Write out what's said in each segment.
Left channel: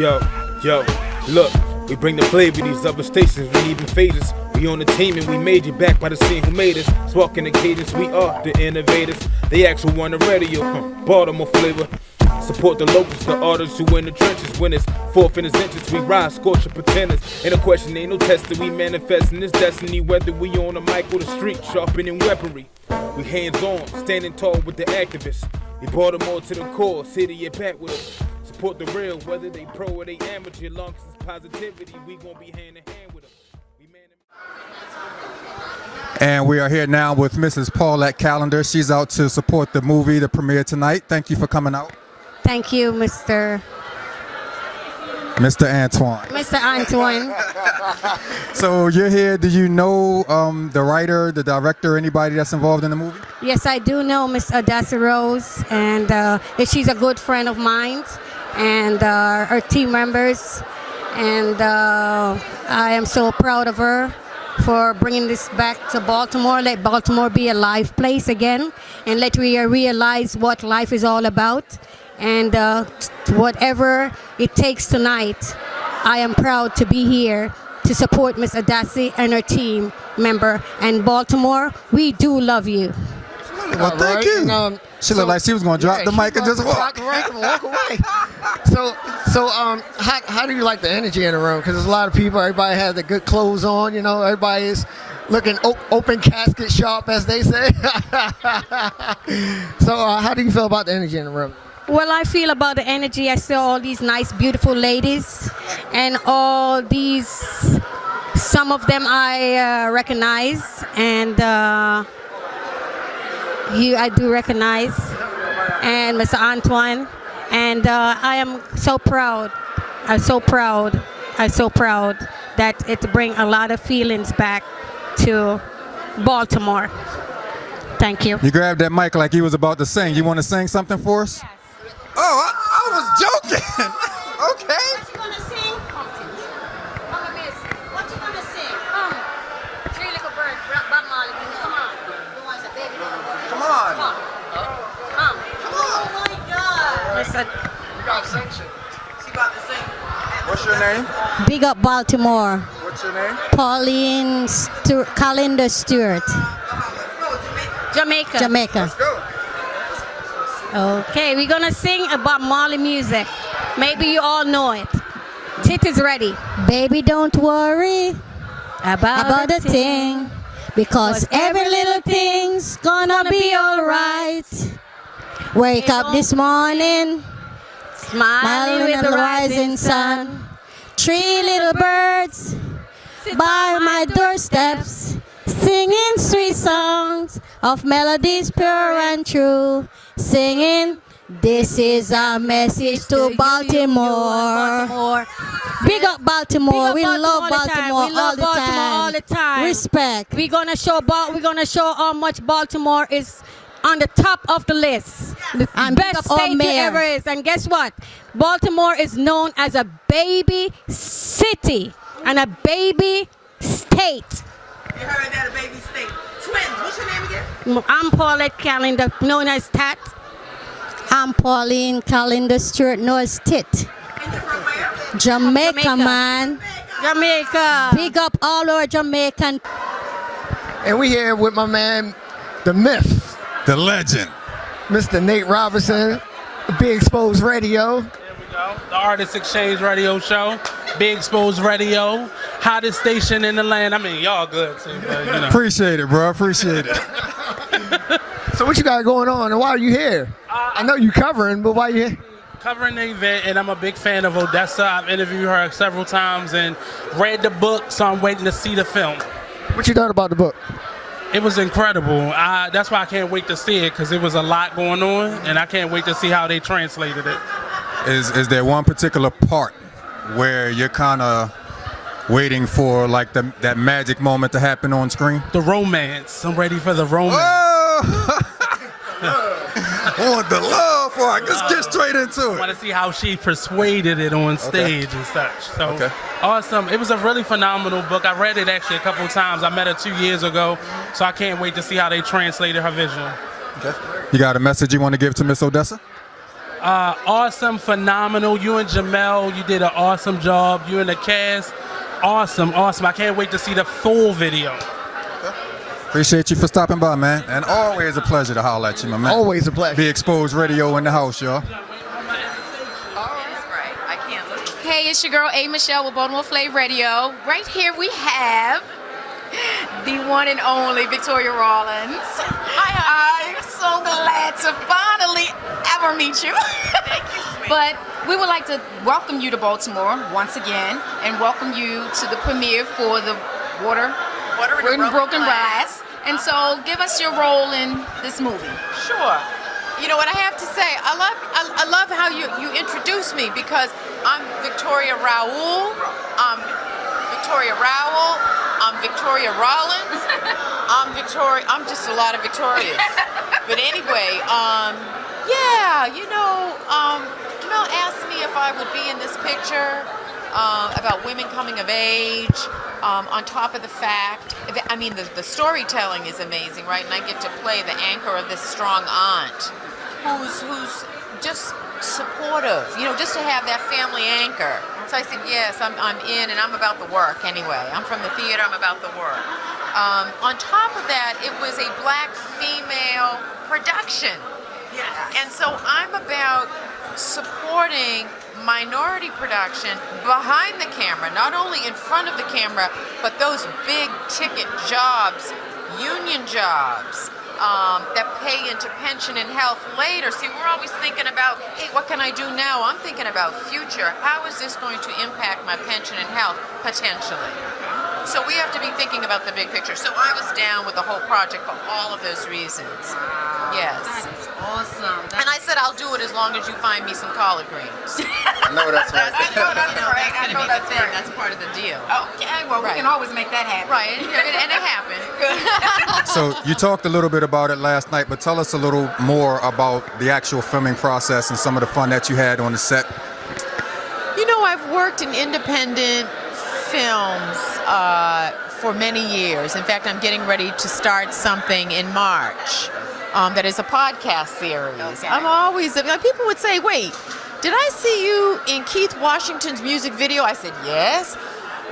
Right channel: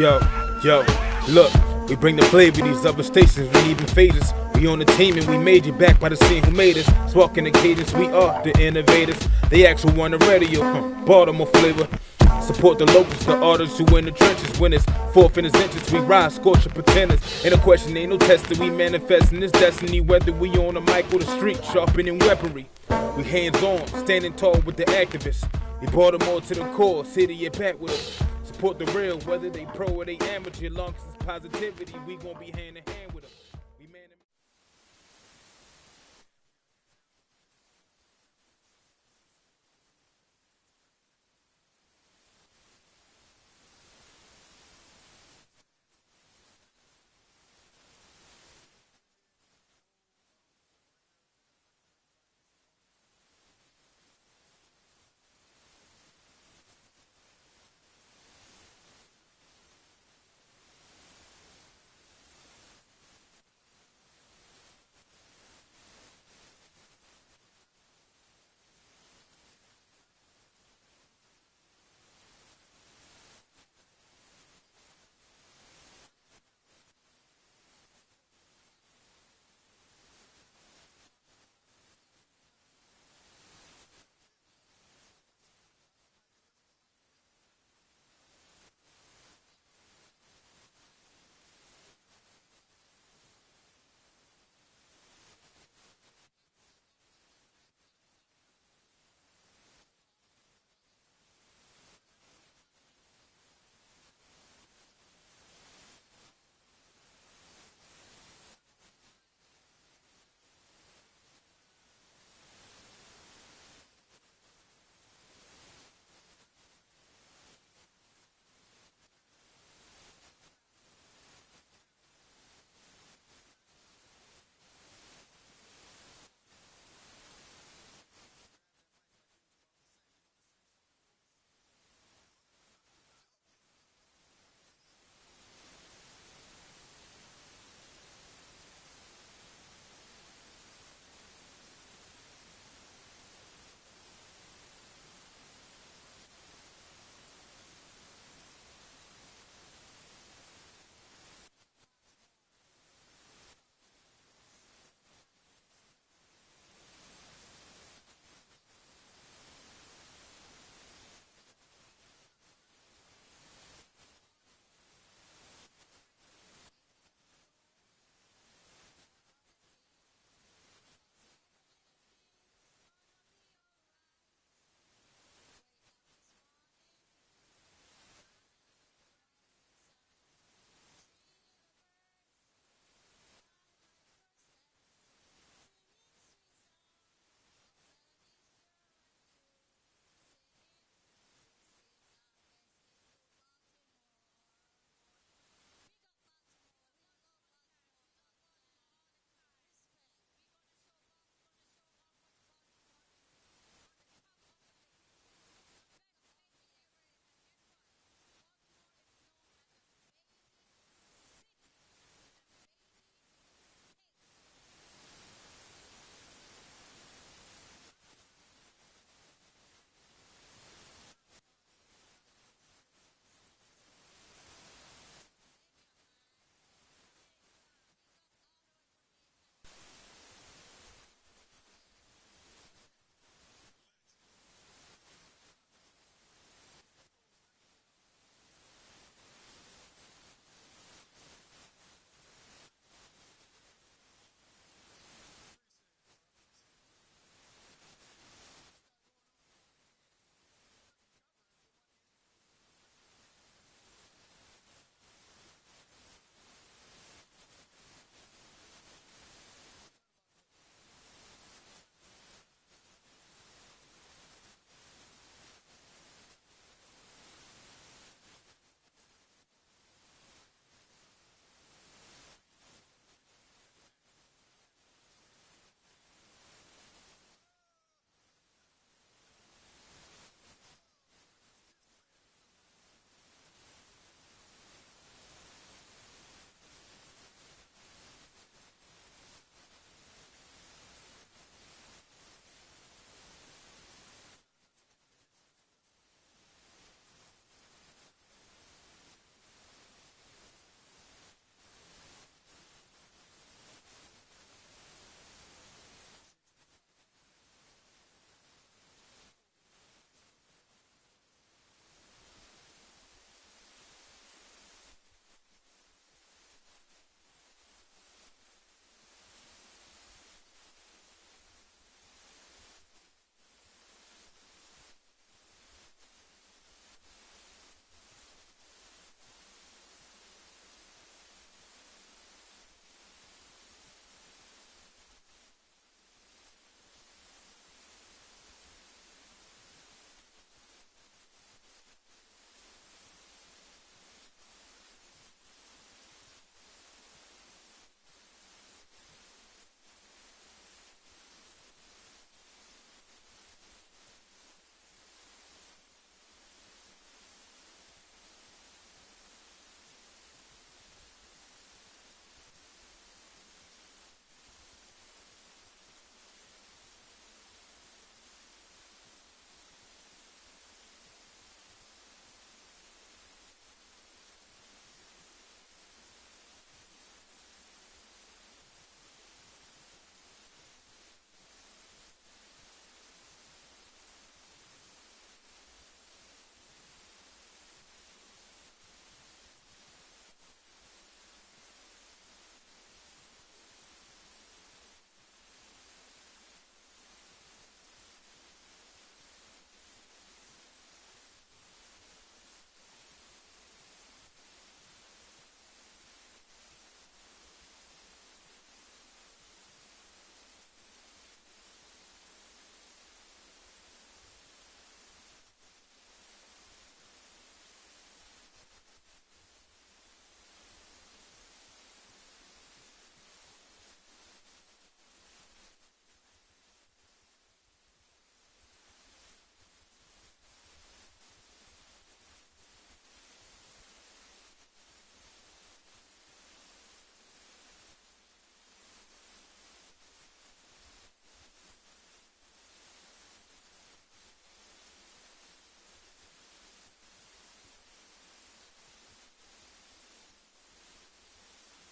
Yo, look, we bring the flavor, these other stations, we even phases. We on the team and we made you back by the scene who made us. Sparking the cadence, we are the innovators. The actual on the radio, Baltimore flavor. Support the locals, the artists who in the trenches. When it's fourth in the sentence, we rise, scorching pretenders. Ain't no question, ain't no testing, we manifesting this destiny. Whether we on the mic or the street, sharpening weaponry. We hands on, standing tall with the activists. We Baltimore to the core, city at back with us. Support the real, whether they pro or they amateur. Long as it's positivity, we gon' be hand in hand with them. And we are here now with Mrs. Paulette Callender. She's out to support the movie, the premiere tonight. Thank you for coming out. Thank you, Mr. Antoine. Mr. Antoine. So you're here. Do you know the writer, the director, anybody that's involved in the movie? Yes, I do know Miss Adassa Rose, and she's a good friend of mine, and her team members. And I am so proud of her for bringing this back to Baltimore. Let Baltimore be a live place again, and let we realize what life is all about. And whatever it takes tonight, I am proud to be here to support Miss Adassi and her team member. And Baltimore, we do love you. Well, thank you. She looked like she was going to drop the mic and just walk. Walk away. So how do you like the energy in the room? Because there's a lot of people. Everybody has the good clothes on. You know, everybody is looking open casket sharp, as they say. So how do you feel about the energy in the room? Well, I feel about the energy. I saw all these nice, beautiful ladies, and all these. Some of them I recognize, and I do recognize, and Mr. Antoine, and I am so proud. I'm so proud that it brings a lot of feelings back to Baltimore. Thank you. You grabbed that mic like you was about to sing. You want to sing something for us? Yes. Oh, I was joking. Okay. What you gonna sing? Come, miss. What you gonna sing? Come. Three Little Birds, Bob Marley. Come on. You want the baby little bird? Come on. Come. Come. Oh my God. Listen. You got sanction. She about to sing. What's your name? Big up Baltimore. What's your name? Pauline Calendar Stewart. Jamaica. Let's go. Okay, we're gonna sing about Marley music. Maybe you all know it. Tit is ready. Baby, don't worry about a thing, because every little thing's gonna be alright. Wake up this morning, smiling with the rising sun. Three little birds by my doorsteps, singing sweet songs of melodies pure and true. Singing, this is our message to Baltimore. Big up Baltimore. We love Baltimore all the time. Respect. We're gonna show how much Baltimore is on the top of the list. The best state there ever is. And guess what? Baltimore is known as a baby city and a baby state. You heard that, a baby state. Twins, what's your name again? I'm Paulette Callender, known as Tat. I'm Pauline Calendar Stewart, known as Tit. And you're from where? Jamaica, man. Jamaica. Big up all our Jamaican. And we here with my man, the myth, The legend. Mr. Nate Robinson, Big Exposed Radio. The Artist Exchange Radio Show, Big Exposed Radio, hottest station in the land. I mean, y'all good too, but you know. Appreciate it, bro. Appreciate it. So what you got going on, and why are you here? I know you covering, but why you here? Covering the event, and I'm a big fan of Odessa. I've interviewed her several times and read the book, so I'm waiting to see the film. What you thought about the book? It was incredible. That's why I can't wait to see it, because it was a lot going on, and I can't wait to see how they translated it. Is there one particular part where you're kind of waiting for like that magic moment to happen on screen? The romance. I'm ready for the romance. Oh! I want the love for it. Let's get straight into I it. want to see how she persuaded it on stage and such. So awesome. It was a really phenomenal book. I read it actually a couple of times. I met her 2 years ago, so I can't wait to see how they translated her vision. You got a message you want to give to Miss Odessa? Awesome, phenomenal. You and Jamel, you did an awesome job. You and the cast, awesome. I can't wait to see the full video. Appreciate you for stopping by, man. And always a pleasure to holler at you, my man. Always a pleasure. Be Exposed Radio in the house, y'all. Hey, it's your girl A. Michelle with Baltimore Flave Radio. Right here we have the one and only Victoria Rawlins. Hi, I'm so glad to finally ever meet you. Thank you, sweetie. But we would like to welcome you to Baltimore once again and welcome you to the premiere for the Water in Broken Glass. And so give us your role in this movie. Sure. You know what I have to say? I love how you introduce me because I'm Victoria Raoul. I'm Victoria Rowell. I'm Victoria Rawlins. I'm just a lot of Victorias. But anyway, yeah, you know, Jamel asked me if I would be in this picture about women coming of age. On top of the fact, I mean, the storytelling is amazing, right? And I get to play the anchor of this strong aunt who's just supportive, you know, just to have that family anchor. So I said, yes, I'm in, and I'm about the work anyway. I'm from the theater, I'm about the work. On top of that, it was a black female production. Yes. And so I'm about supporting minority production behind the camera, not only in front of the camera, but those big ticket jobs, union jobs, that pay into pension and health later. See, we're always thinking about, hey, what can I do now? I'm thinking about future. How is this going to impact my pension and health potentially? So we have to be thinking about the big picture. So I was down with the whole project for all of those reasons. Yes. That is awesome. And I said I'll do it as long as you find me some collard greens. I know that's right. I know that's right. That's part of the deal. Okay, well, we can always make that happen. Right, and it happened. So you talked a little bit about it last night, but tell us a little more about the actual filming process and some of the fun that you had on the set. You know, I've worked in independent films for many years. In fact, I'm getting ready to start something in March that is a podcast series. Okay. I'm always, people would say, wait, did I see you in Keith Washington's music video? I said, yes.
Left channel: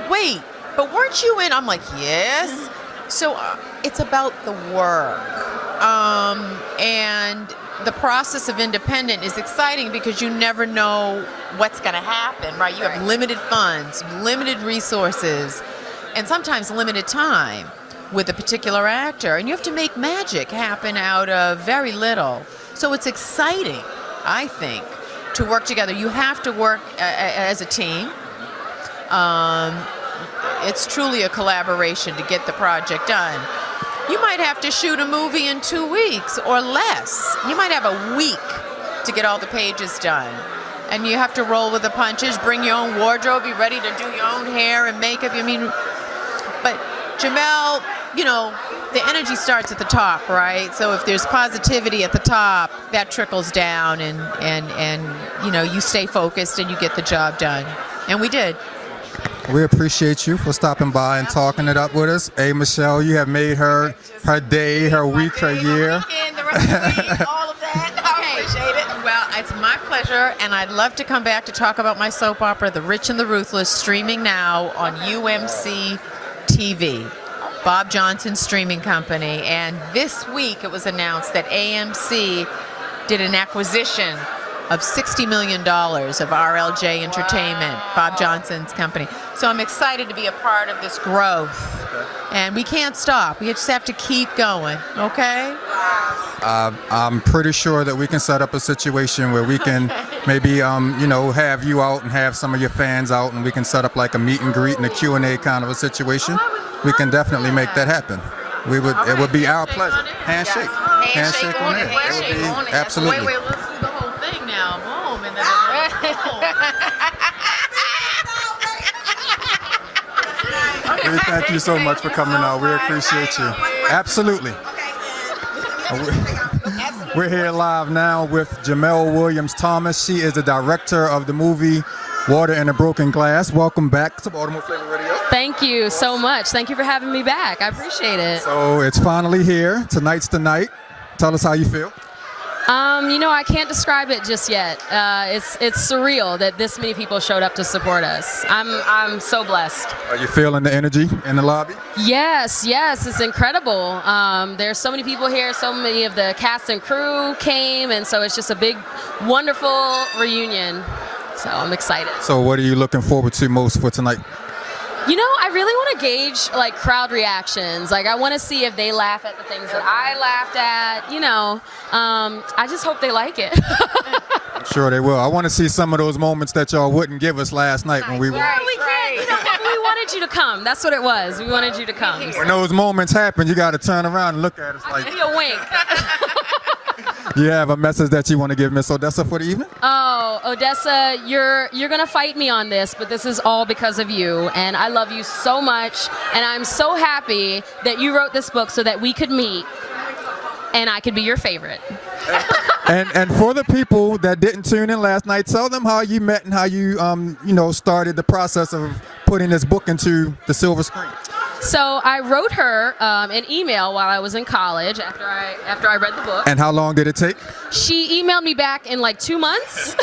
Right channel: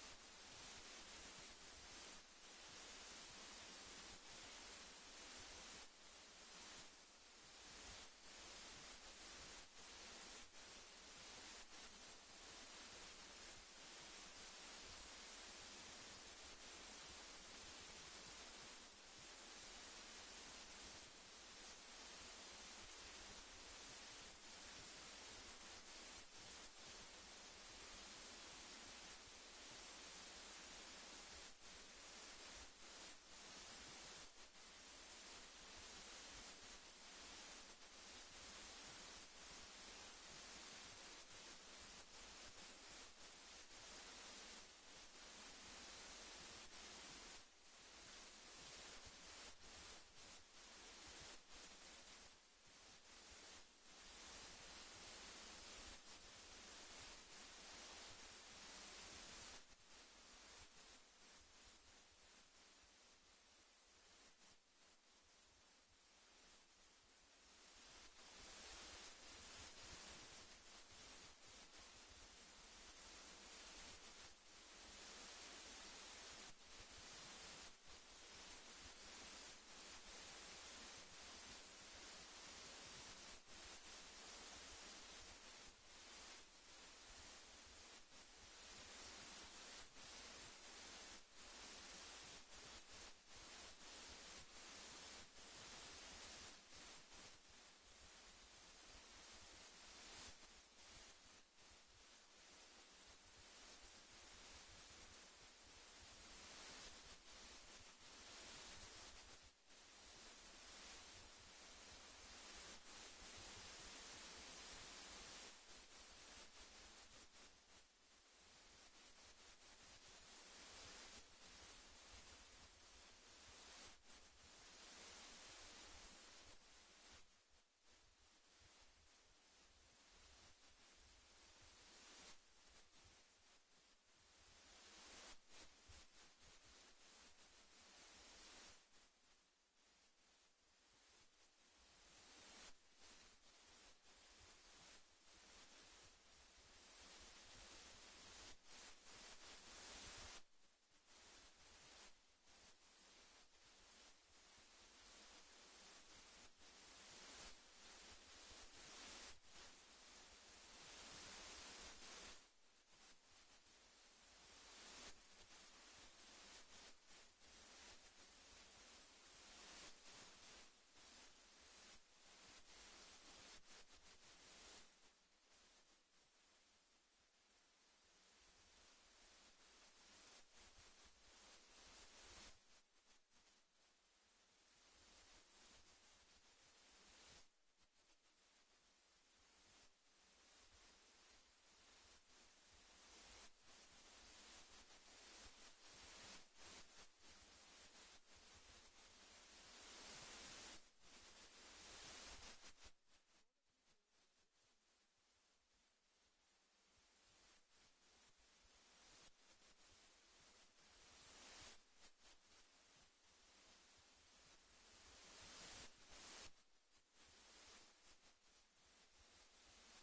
Wait, but weren't you in? I'm like, yes. So it's about the work. And the process of independent is exciting because you never know what's going to happen, right? You have limited funds, limited resources, and sometimes limited time with a particular actor. And you have to make magic happen out of very little. So it's exciting, I think, to work together. You have to work as a team. It's truly a collaboration to get the project done. You might have to shoot a movie in 2 weeks or less. You might have a week to get all the pages done. And you have to roll with the punches, bring your own wardrobe, be ready to do your own hair and makeup. I mean, but Jamel, you know, the energy starts at the top, right? So if there's positivity at the top, that trickles down and you know, you stay focused and you get the job done. And we did. We appreciate you for stopping by and talking it up with us. Hey, Michelle, you have made her day, her week, her year. The rest of the week, all of that. I appreciate it. Well, it's my pleasure, and I'd love to come back to talk about my soap opera, The Rich and the Ruthless, streaming now on UMC TV, Bob Johnson's streaming company. And this week it was announced that AMC did an acquisition of $60 million of RLJ Entertainment, Bob Johnson's company. So I'm excited to be a part of this growth. And we can't stop. We just have to keep going, okay? I'm pretty sure that we can set up a situation where we can maybe, you know, have you out and have some of your fans out, and we can set up like a meet and greet and a Q&A kind of a situation. We can definitely make that happen. We would. It would be our pleasure. Handshake. Handshake on it. It would be absolutely. Wait, let's do the whole thing now. Boom. And then We thank you so much for coming out. We appreciate you. Absolutely. We're here live now with Jamel Williams Thomas. She is the director of the movie Water in a Broken Glass. Welcome back to Baltimore Flave Radio. Thank you so much. Thank you for having me back. I appreciate it. So it's finally here. Tonight's the night. Tell us how you feel. I can't describe it just yet. It's surreal that this many people showed up to support us. I'm so blessed. Are you feeling the energy in the lobby? Yes, it's incredible. There's so many people here. So many of the cast and crew came, and so it's just a big, wonderful reunion. So I'm excited. So what are you looking forward to most for tonight? I really want to gauge like crowd reactions. Like I want to see if they laugh at the things that I laughed at. I just hope they like it. I'm sure they will. I want to see some of those moments that y'all wouldn't give us last night when we were. Yeah, we can't. We wanted you to come. That's what it was. We wanted you to come. When those moments happen, you got to turn around and look at us like. Give you a wink. You have a message that you want to give Miss Odessa for the evening? Oh, Odessa, you're gonna fight me on this, but this is all because of you, and I love you so much, and I'm so happy that you wrote this book so that we could meet, and I could be your favorite. And for the people that didn't tune in last night, tell them how you met and how you started the process of putting this book into the silver screen. So I wrote her an email while I was in college after I read the book. And how long did it take? She emailed me back in like 2 months.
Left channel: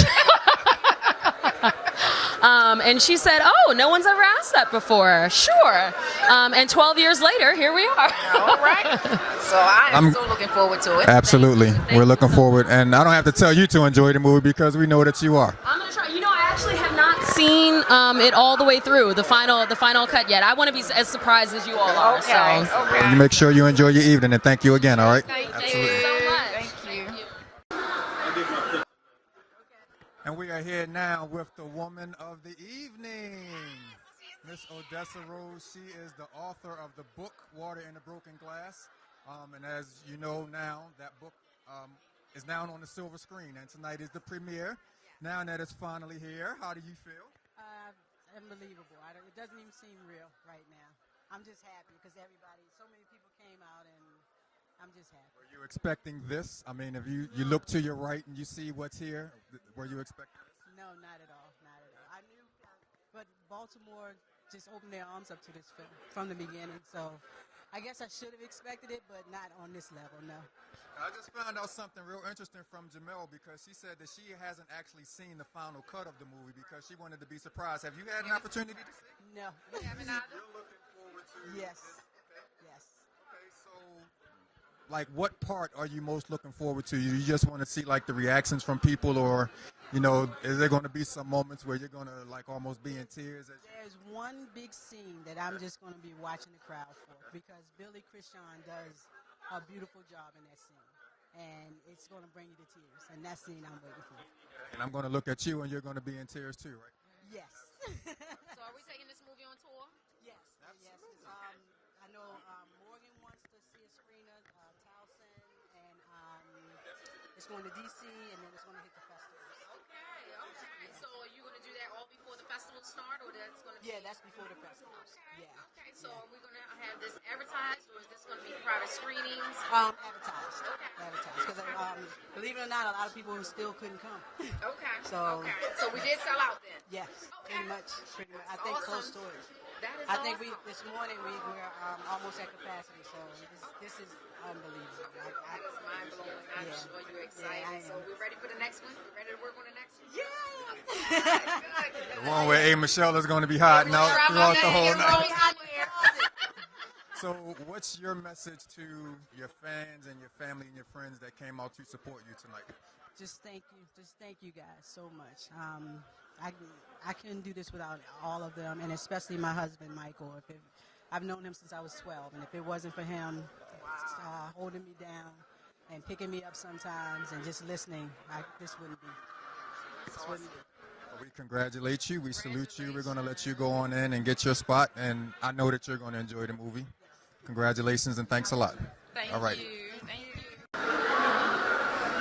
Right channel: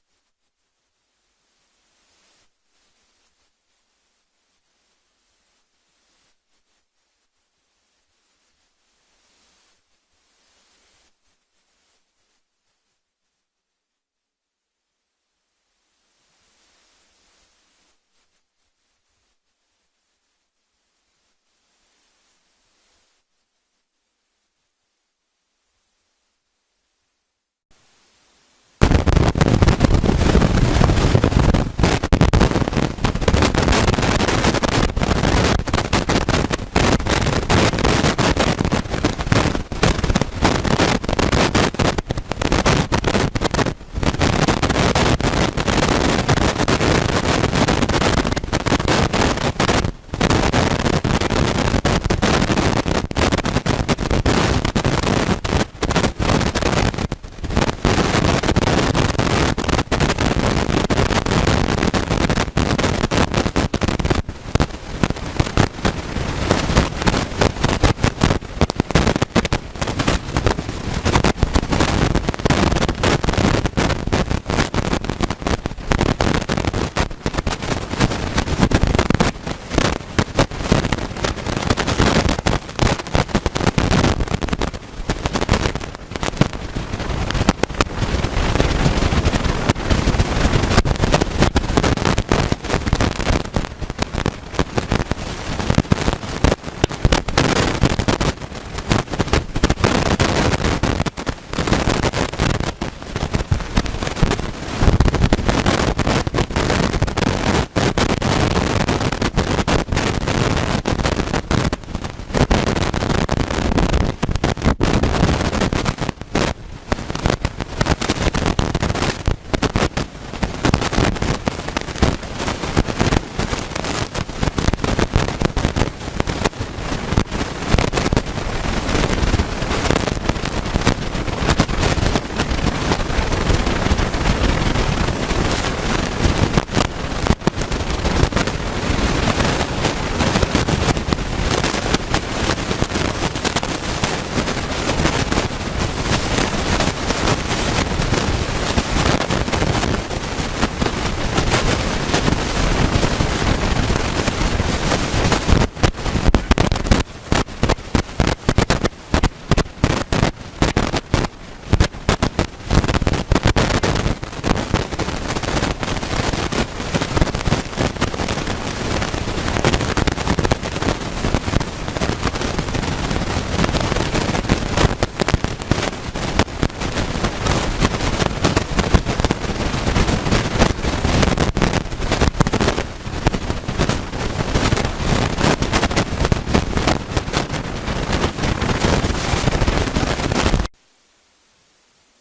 And she said, "Oh, no one's ever asked that before." Sure. And 12 years later, here we are. All right. So I'm so looking forward to it. Absolutely. We're looking forward. And I don't have to tell you to enjoy the movie because we know that you are. I'm going to try. I actually have not seen it all the way through, the final cut yet. I want to be as surprised as you all are. Okay. So. Okay. You make sure you enjoy your evening, and thank you again, all right? Thank you so much. Thank you.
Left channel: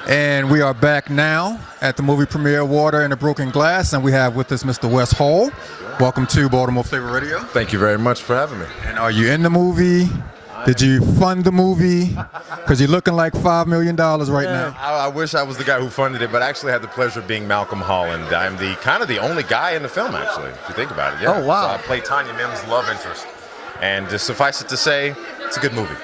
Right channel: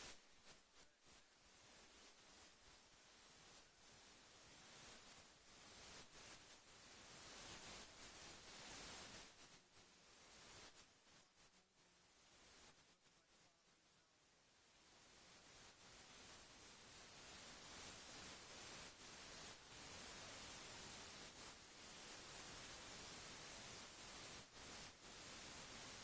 And we are back now at the movie premiere Water in a Broken Glass, and we have with us Mr. Wes Hall. Welcome to Baltimore Flavor Radio. Thank you very much for having me. And are you in the movie? Did you fund the movie? Because you're looking like $5 million right now. I wish I was the guy who funded it, but I actually had the pleasure of being Malcolm Holland. I'm the kind of the only guy in the film, actually, if you think about it. Yeah. Oh, wow. So I play Tanya Mim's love interest. And just suffice it to say, it's a good movie.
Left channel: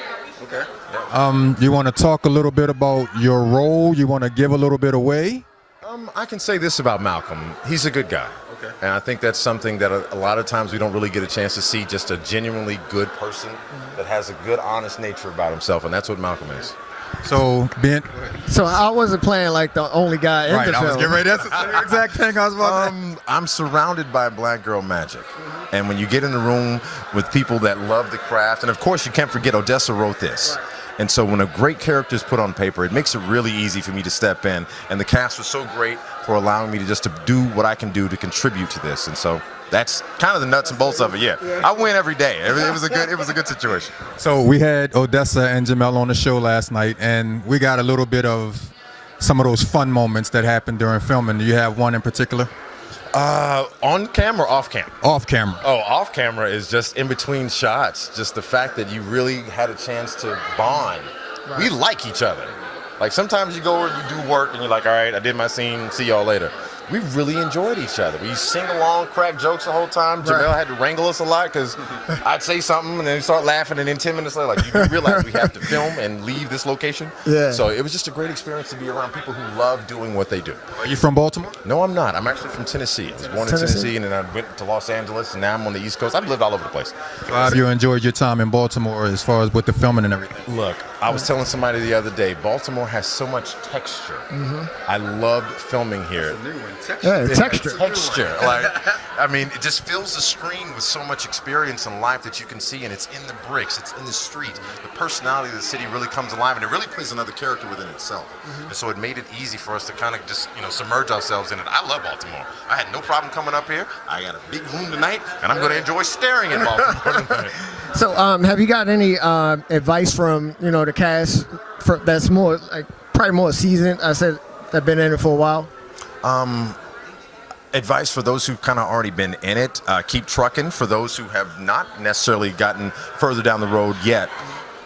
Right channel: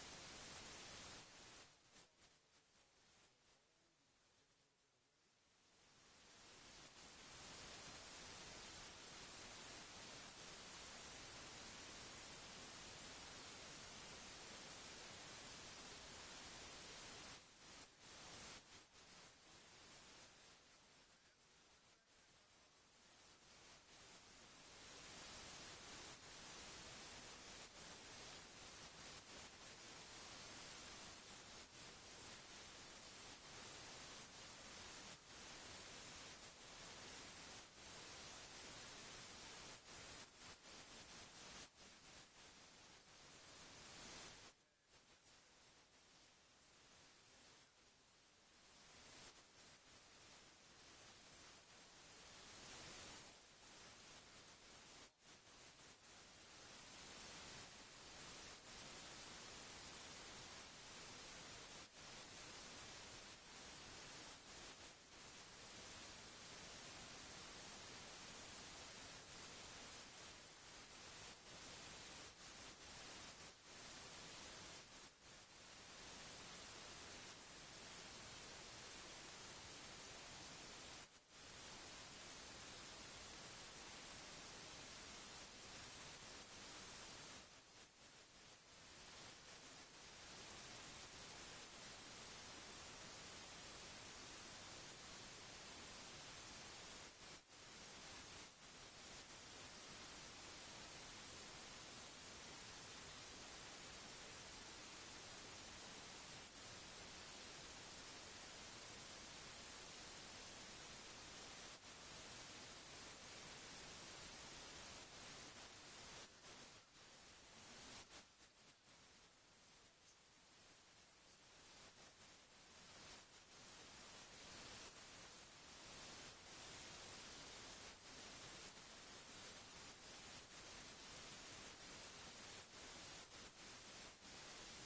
Okay. You want to talk a little bit about your role? You want to give a little bit away? I can say this about Malcolm. He's a good guy. Okay. And I think that's something that a lot of times we don't really get a chance to see, just a genuinely good person that has a good, honest nature about himself, and that's what Malcolm is. So, So I wasn't playing like the only guy in the film. I was getting ready. That's the exact thing I was about to I'm surrounded by black girl magic. And when you get in the room with people that love the craft, and of course you can't forget Odessa wrote this. And so when a great character is put on paper, it makes it really easy for me to step in. And the cast was so great for allowing me to do what I can do to contribute to this. And so that's kind of the nuts and bolts of it. Yeah, I win every day. It was a good situation. So we had Odessa and Jamel on the show last night, and we got a little bit of some of those fun moments that happened during filming. Do you have one in particular? On camera or off camera? Off camera. Oh, off camera is just in between shots. Just the fact that you really had a chance to bond. Right. We like each other. Like sometimes you go and you do work and you're like, all right, I did my scene, see y'all later. We really enjoyed each other. We sing along, crack jokes the whole time. Jamel had to wrangle us a lot because I'd say something and then we start laughing, and then 10 minutes later, like, you realize we have to film and leave this location. Yeah. So it was just a great experience to be around people who love doing what they do. Are you from Baltimore? No, I'm not. I'm actually from Tennessee. I was born in Tennessee, and then I went to Los Angeles, and now I'm on the East Coast. I've lived all over the place. So have you enjoyed your time in Baltimore as far as with the filming and everything? Look, I was telling somebody the other day, Baltimore has so much texture. I loved filming here. Yeah, texture. Like, I mean, it just fills the screen with so much experience and life that you can see, and it's in the bricks, it's in the street. The personality of the city really comes alive, and it really plays another character within itself. And so it made it easy for us to kind of just, submerge ourselves in it. I love Baltimore. I had no problem coming up here. I got a big room tonight, and I'm going to enjoy staring at Baltimore tonight. So, have you got any advice from the cast that's more probably more seasoned? I said that been in it for a while. Advice for those who've kind of already been in it, keep trucking. For those who have not necessarily gotten further down the road yet,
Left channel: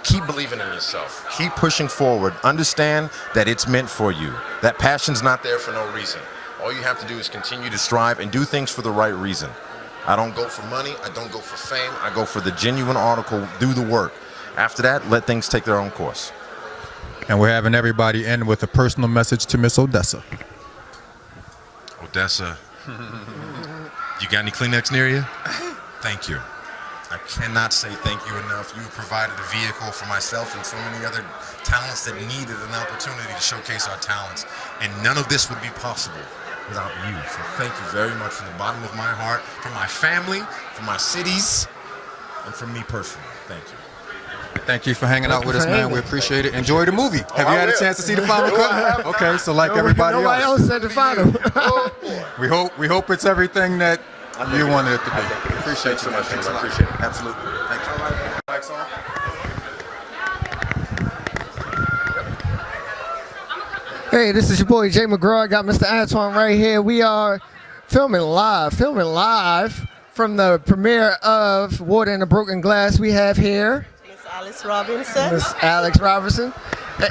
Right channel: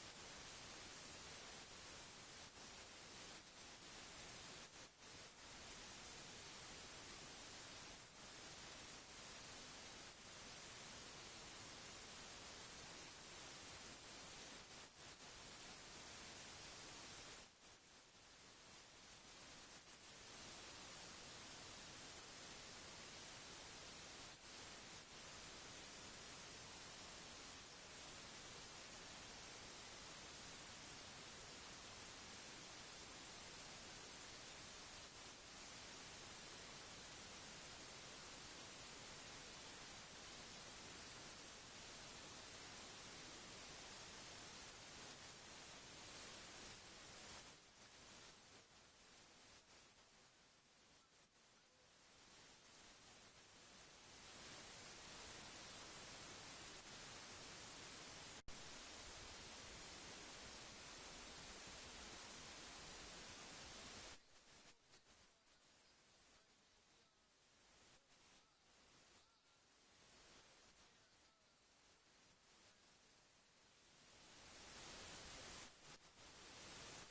keep believing in yourself. Keep pushing forward. Understand that it's meant for you. That passion's not there for no reason. All you have to do is continue to strive and do things for the right reason. I don't go for money. I don't go for fame. I go for the genuine article, do the work. After that, let things take their own course. And we're having everybody end with a personal message to Miss Odessa. Odessa, you got any Kleenex near you? Thank you. I cannot say thank you enough. You provided a vehicle for myself and so many other talents that needed an opportunity to showcase our talents. And none of this would be possible without you. So thank you very much from the bottom of my heart, from my family, from my cities, and from me personally. Thank you. Thank you for hanging out with us, man. We appreciate it. Enjoy the movie. Have you had a chance to see the final cut? Okay, so like everybody Nobody else said the final. we hope it's everything that you wanted it to be. Appreciate you so much. I appreciate it. Absolutely. Thank you. Hey, this is your boy Jay McGraw. I got Mr. Antoine right here. We are filming live from the premiere of Water in a Broken Glass. We have here Alice Robinson. Miss Alex Robinson. Hey.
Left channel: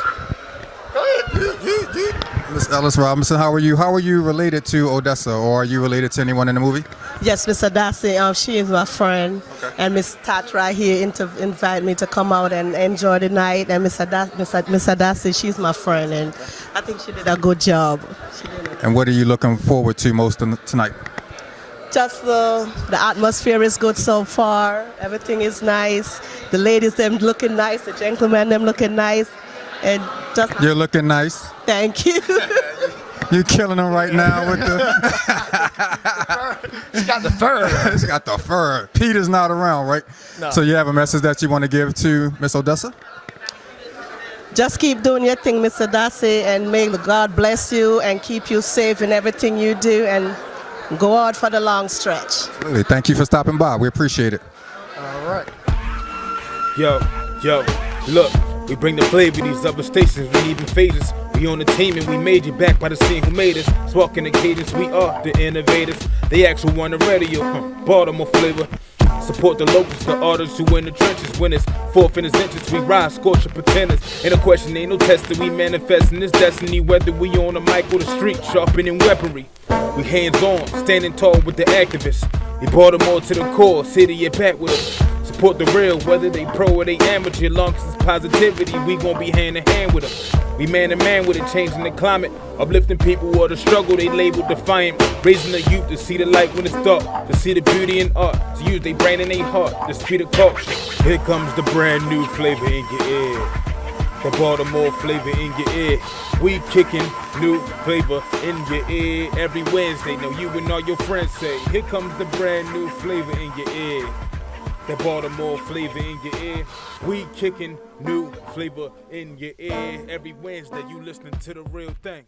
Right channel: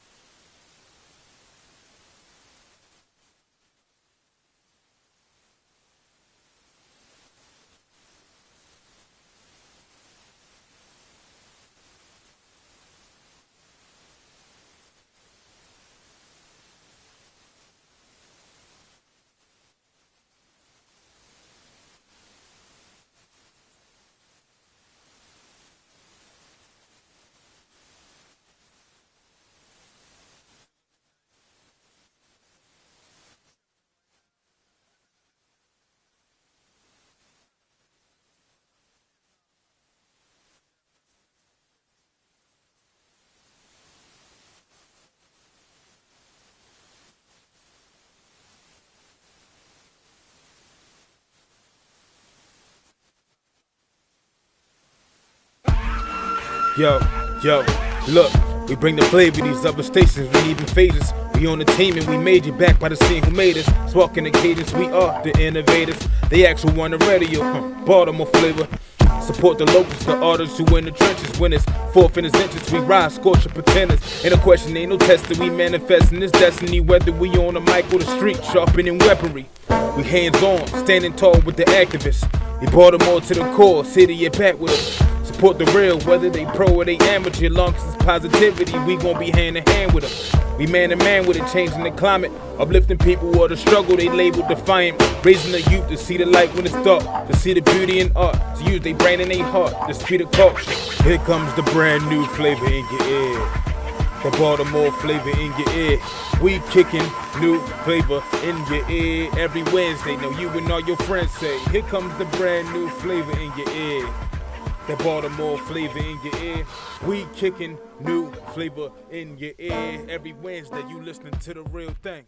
Miss Alice Robinson, how are you? How are you related to Odessa, or are you related to anyone in the movie? Yes, Miss Adasi, she is my friend. Okay. And Miss Tat right here invited me to come out and enjoy the night. And Miss Adasi, she's my friend, and I think she did a good job. And what are you looking forward to most tonight? Just the atmosphere is good so far. Everything is nice. The ladies, them looking nice. The gentlemen, them looking nice. And just you're looking nice. Thank you. You're killing them right now with the. She's got the fur. She's got the fur. Peter's not around, right? No. So you have a message that you want to give to Miss Odessa? Just keep doing your thing, Mr. Darcy, and may God bless you and keep you safe in everything you do, and go out for the long stretch. Absolutely. Thank you for stopping by. We appreciate it. All right. Yo, look, we bring the flavor these other stations, we even phases. We on the team and we made it back by the scene who made us. Sparking the cadence, we are the innovators. They actually on the radio, Baltimore flavor. Support the locals, the artists who in the trenches. Winners, fourth in his entrance, we rise, scorching pretenders. Ain't no question, ain't no testing, we manifesting this destiny. Whether we on the mic or the street, sharpening weaponry. We hands on, standing tall with the activists. We Baltimore to the core, city and back with us. Support the real, whether they pro or they amateur. Long as it's positivity, we gon' be hand in hand with them. We man to man with it, changing the climate. Uplifting people or the struggle they label defiant. Raising the youth to see the light when it's dark. To see the beauty in art. To use their brain and their heart. The speed of culture. Here comes the brand new flavor in your ear. The Baltimore flavor in your ear. We kicking new flavor in your ear every Wednesday. Now you and all your friends say, here comes the brand new flavor in your ear. The Baltimore flavor in your ear. We kicking new flavor in your ear every Wednesday. You listening to the real thing.